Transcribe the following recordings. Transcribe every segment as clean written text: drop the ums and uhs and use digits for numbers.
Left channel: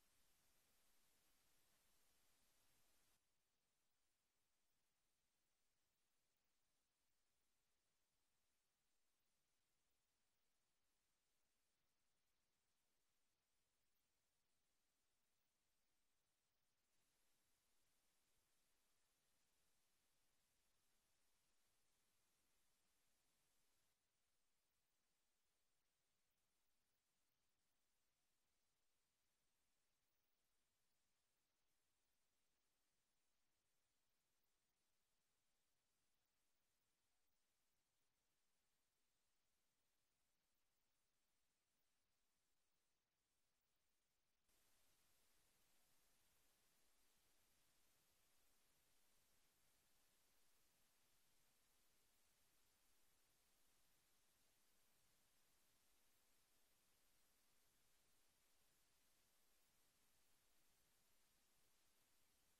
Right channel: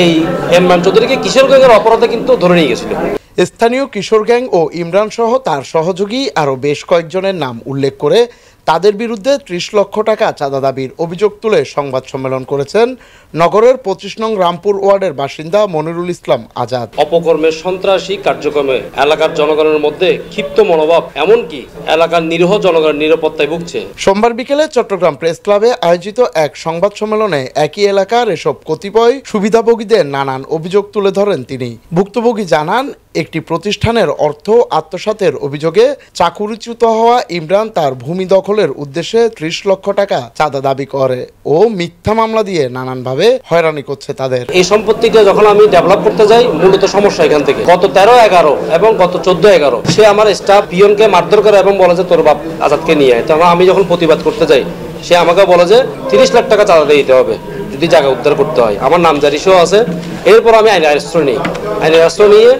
এই ইমরান চৌধুরীকে কিশোর গ্যাংয়ের অপরাধে কিন্তু ধরে নিয়ে গেছিল। স্থানীয় কিশোর গ্যাং ও ইমরান সহ তার সহযোগী আরও বেশ কয়েকজনের নাম উল্লেখ করে তাদের বিরুদ্ধে ৩০ লক্ষ টাকা চাঁদা দাবির অভিযোগ তুলে সংবাদ সম্মেলন করেছেন নগরের ২৫ নং রামপুর ওয়ার্ডের বাসিন্দা মনিরুল ইসলাম আজাদ। অপকর্মের সন্ত্রাসী কার্যক্রমে এলাকার জনগণের মধ্যে ক্ষিপ্ত মনোভাব, এমনকি এলাকার নিরীহ জনগণের নিরাপত্তায় ভুগছে। সোমবার বিকেলে চট্টগ্রাম প্রেস ক্লাবে আয়োজিত এক সংবাদ সম্মেলনে একই এলাকার এসব কতিপয় সুবিধাভোগীদের নানান অভিযোগ তুলে ধরেন তিনি। ভুক্তভোগী জানান, একটি প্রতিষ্ঠানের অর্থ আত্মসাতের অভিযোগে চাকুরিচ্যুত হওয়া ইমরান তার ভূমি দখলের উদ্দেশ্যে ৩০ লক্ষ টাকা চাঁদা দাবি করে ও মিথ্যা মামলা দিয়ে নানানভাবে হয়রানি করছে তাদের। এই সম্পত্তিটা যখন আমি ডেভেলপ করতে যাই, মূলত সমস্যা এখান থেকে। গত 13-11 এবং গত 14-11 সে আমার স্টাফ পিয়নকে মারধর করে এবং বলে যে তোর বাপ আজাদকে নিয়ে আয়। তখন আমি যখন প্রতিবাদ করতে যাই, সে আমাকে বলে যে 30 লাখ টাকা চাঁদা দিতে হবে যদি জায়গা উদ্ধার করতে হয়। আমার নামজারি সহ আছে। এরপর আমি আইনের আশ্রয় নিই। আইনের আশ্রয় নিয়ে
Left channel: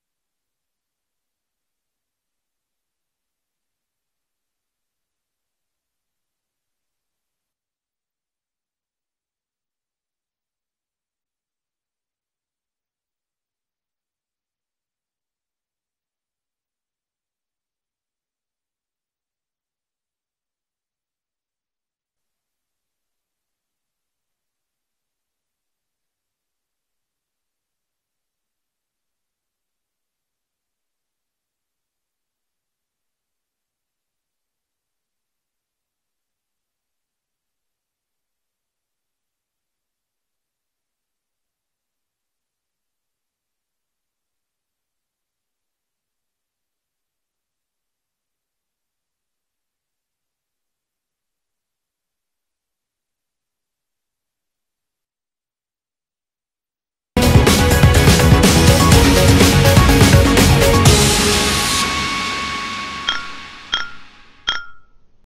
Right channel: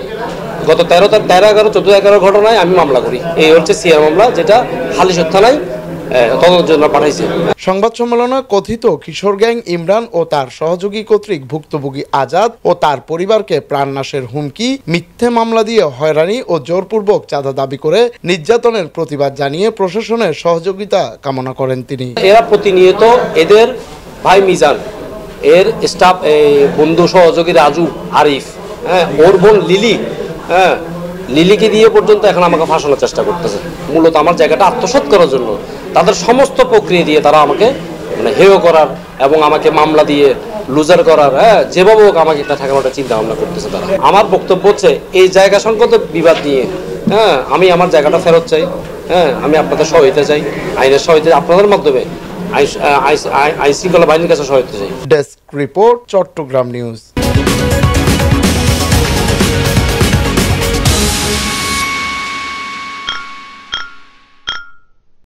গত 13-11 14-11 ঘটনায় আমি মামলা করি। এই হচ্ছে সিআর মামলা, যেটা হালিশহর থানায় তদন্তের জন্য পাঠাইছে। সংবাদ সম্মেলনে কথিত কিশোর গ্যাং ইমরান ও তার সহযোগী কর্তৃক ভুক্তভোগী আজাদ ও তার পরিবারকে প্রাণনাশের হুমকি, মিথ্যে মামলা দিয়ে হয়রানি ও জোরপূর্বক চাঁদা দাবি করে নির্যাতনের প্রতিবাদ জানিয়ে প্রশাসনের সহযোগিতা কামনা করেন তিনি। এরা প্রতিনিয়ত এদের ভাই মিজান, এর স্টাফ বন্ধু সহযোগী রাজু, আরিফ, ওর বোন লিলি, লিলিকে দিয়ে পর্যন্ত এখন আমাকে ফাঁসানোর চেষ্টা করতেছে। মূলত আমার জায়গাটা আত্মসাৎ করার জন্য তাদের সমস্ত প্রক্রিয়া দিয়ে তারা আমাকে হেয় করার এবং আমাকে মামলা দিয়ে লুজার করার, যেভাবে হোক আমাকে এটা ঠেকানোটা চিন্তা ভাবনা করতেছে তারা। আমার বক্তব্য হচ্ছে, এই জায়গা সংক্রান্ত বিবাদ নিয়ে আমি আমার জায়গাটা ফেরত চাই। আমি আপনাদের সহায়তা চাই, আইনের সহায়তা আপনাদের মাধ্যমে আইন শৃঙ্খলা বাহিনীর কাছে সহায়তা চাই। Desk report, Chittagong news.